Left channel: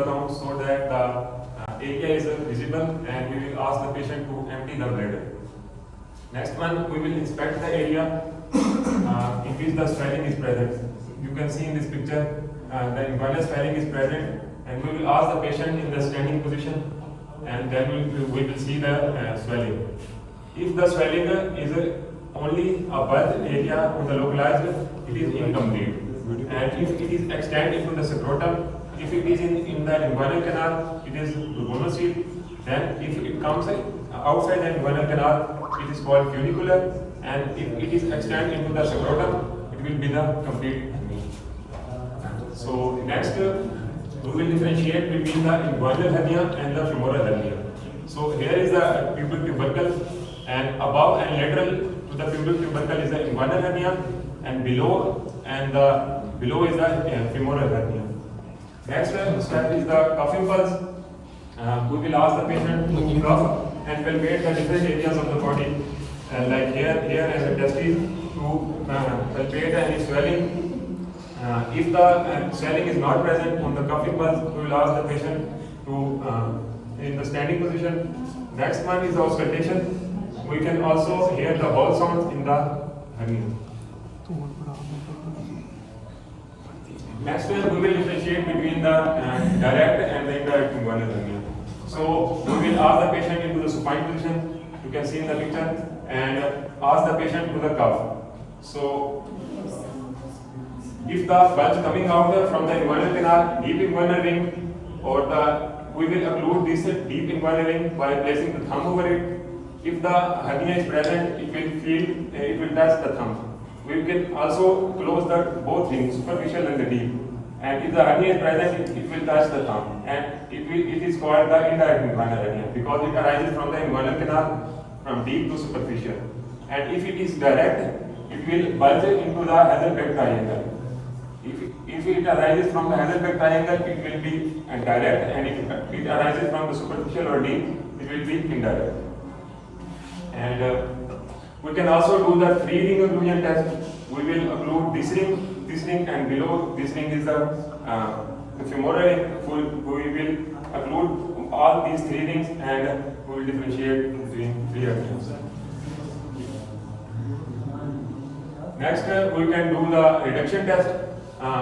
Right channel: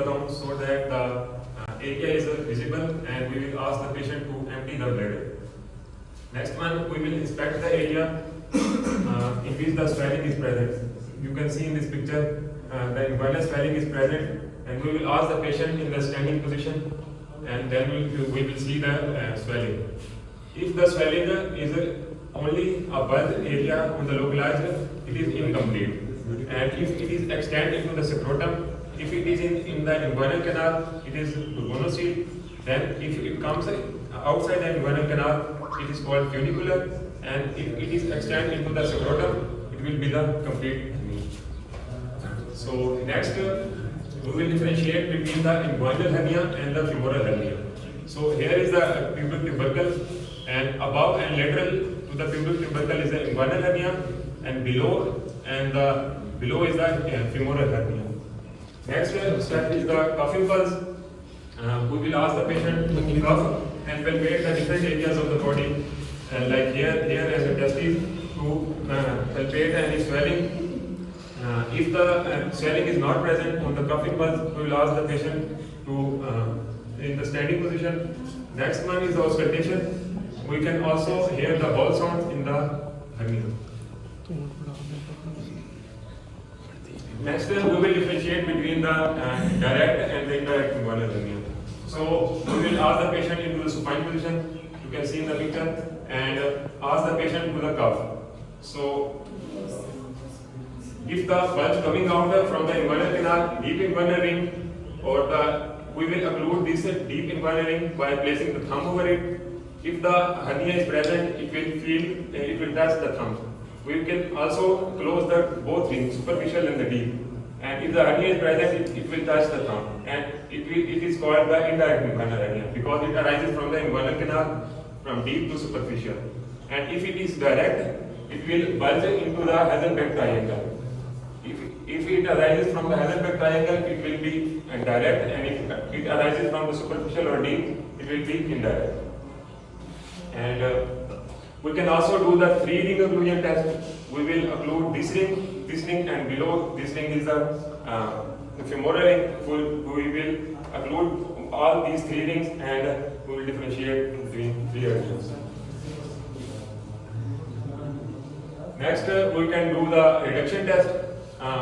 the thumb so that the area is visible, and we will ask the patient to empty the bladder. Next one, we will inspect the area in which the swelling is present. You can see in this picture the inguinal swelling is present, and we will ask the patient in the standing position, and then we will see the swelling. If the swelling is only a bulge area on the localized, it is incomplete. And if it is extended into the scrotum, if it is in the inguinal canal, it is monocyte. Then if it comes outside the inguinal canal, it is called funicular. And if it is extended into the scrotum, it will be the complete hernia. So next, we will differentiate between the inguinal hernia and the femoral hernia. So here is the pubic tubercle, and above and lateral to the pubic tubercle is the inguinal hernia, and below is the femoral hernia. Next step is the cuffing pulse. We will ask the patient to cuff and palpate the different areas of the body, like here as a testis, to palpate any swelling. If the swelling is not present on the cuffing pulse, we will ask the patient to in the standing position. Next one is the auscultation. We can also hear the vowel sounds in the hernia. Next, we will differentiate between the direct and the indirect inguinal hernia. So we will ask the patient into the supine position. You can see in the picture, and ask the patient to the cuff. So if the bulge coming out from the inguinal canal, deep inguinal ring, or we will occlude this deep inguinal ring by placing the thumb over it. If the hernia is present, it will touch the thumb. We can also close the both rings, superficial and the deep. And if the hernia is present, it will touch the thumb. And it is called the indirect inguinal hernia because it arises from the inguinal canal from deep to superficial. And if it is direct, it will bulge into the Hazelbeck triangle. If it arises from the Hazelbeck triangle, it will be direct, and if it arises from the superficial or deep, it will be indirect. And we can also do the 3-ring occlusion test. We will occlude this ring, and below this ring is the femoral ring. We will occlude all these 3 rings, and we will differentiate between 3 occlusions. Next, we can do the reduction test.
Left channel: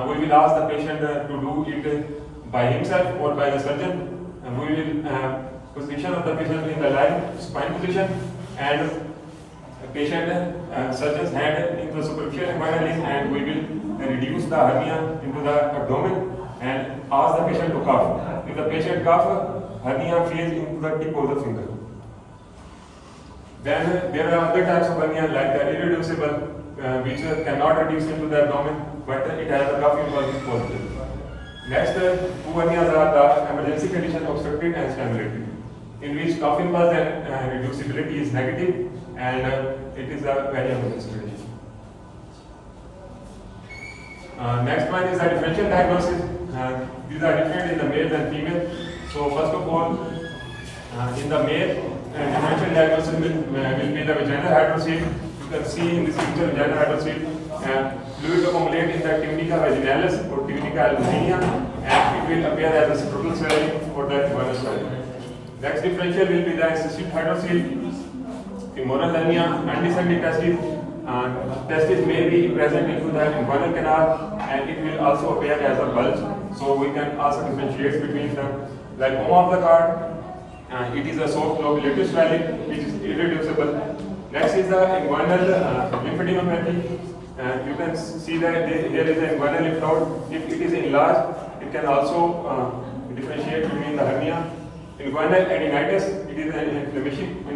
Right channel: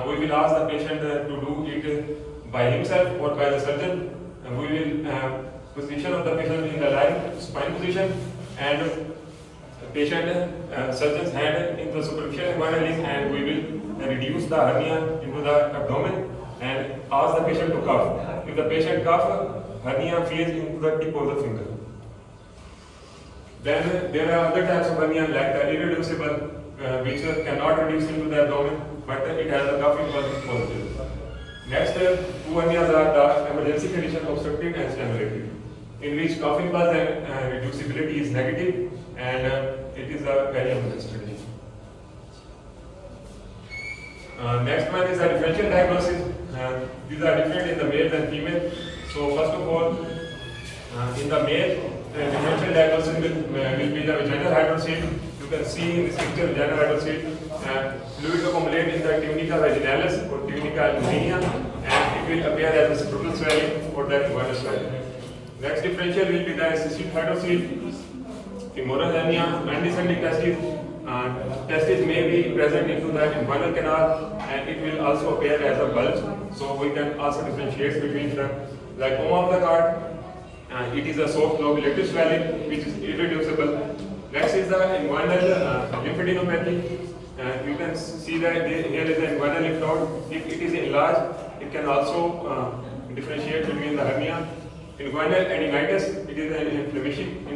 We will ask the patient to do it by himself or by the surgeon. And we will position of the patient in the lying spine position, and surgeon's hand into the superficial inguinal ring, and we will reduce the hernia into the abdomen and ask the patient to cough. If the patient coughs, hernia feeds into the tip of the finger. Then there are other types of hernia like the irreducible, which cannot reduce into the abdomen, but it has a coughing pulse positive. Next, 2 hernias are the emergency condition obstructive and stimulated, in which coughing pulse and reducibility is negative, and it is a very emergency condition. Next one is the differential diagnosis. These are different in the male and female. So first of all, in the male, differential diagnosis will be the vaginal hydrocele. You can see in this picture vaginal hydrocele. Fluid accumulate in the tunica vaginalis or tunica albuminea, and it will appear as a scrotal swelling or the inguinal swelling. Next differential will be the cystic hydrocele, femoral hernia, undescending testis. Testis may be present into the inguinal canal, and it will also appear as a bulge. So we can also differentiate between them. Lipoma of the cord, it is a soft lobulative swelling which is irreducible. Next is the inguinal lymphadenopathy. You can see that here is an inguinal lymph node. If it is enlarged, it can also differentiate between the hernia. Inguinal adenitis, it is an inflammation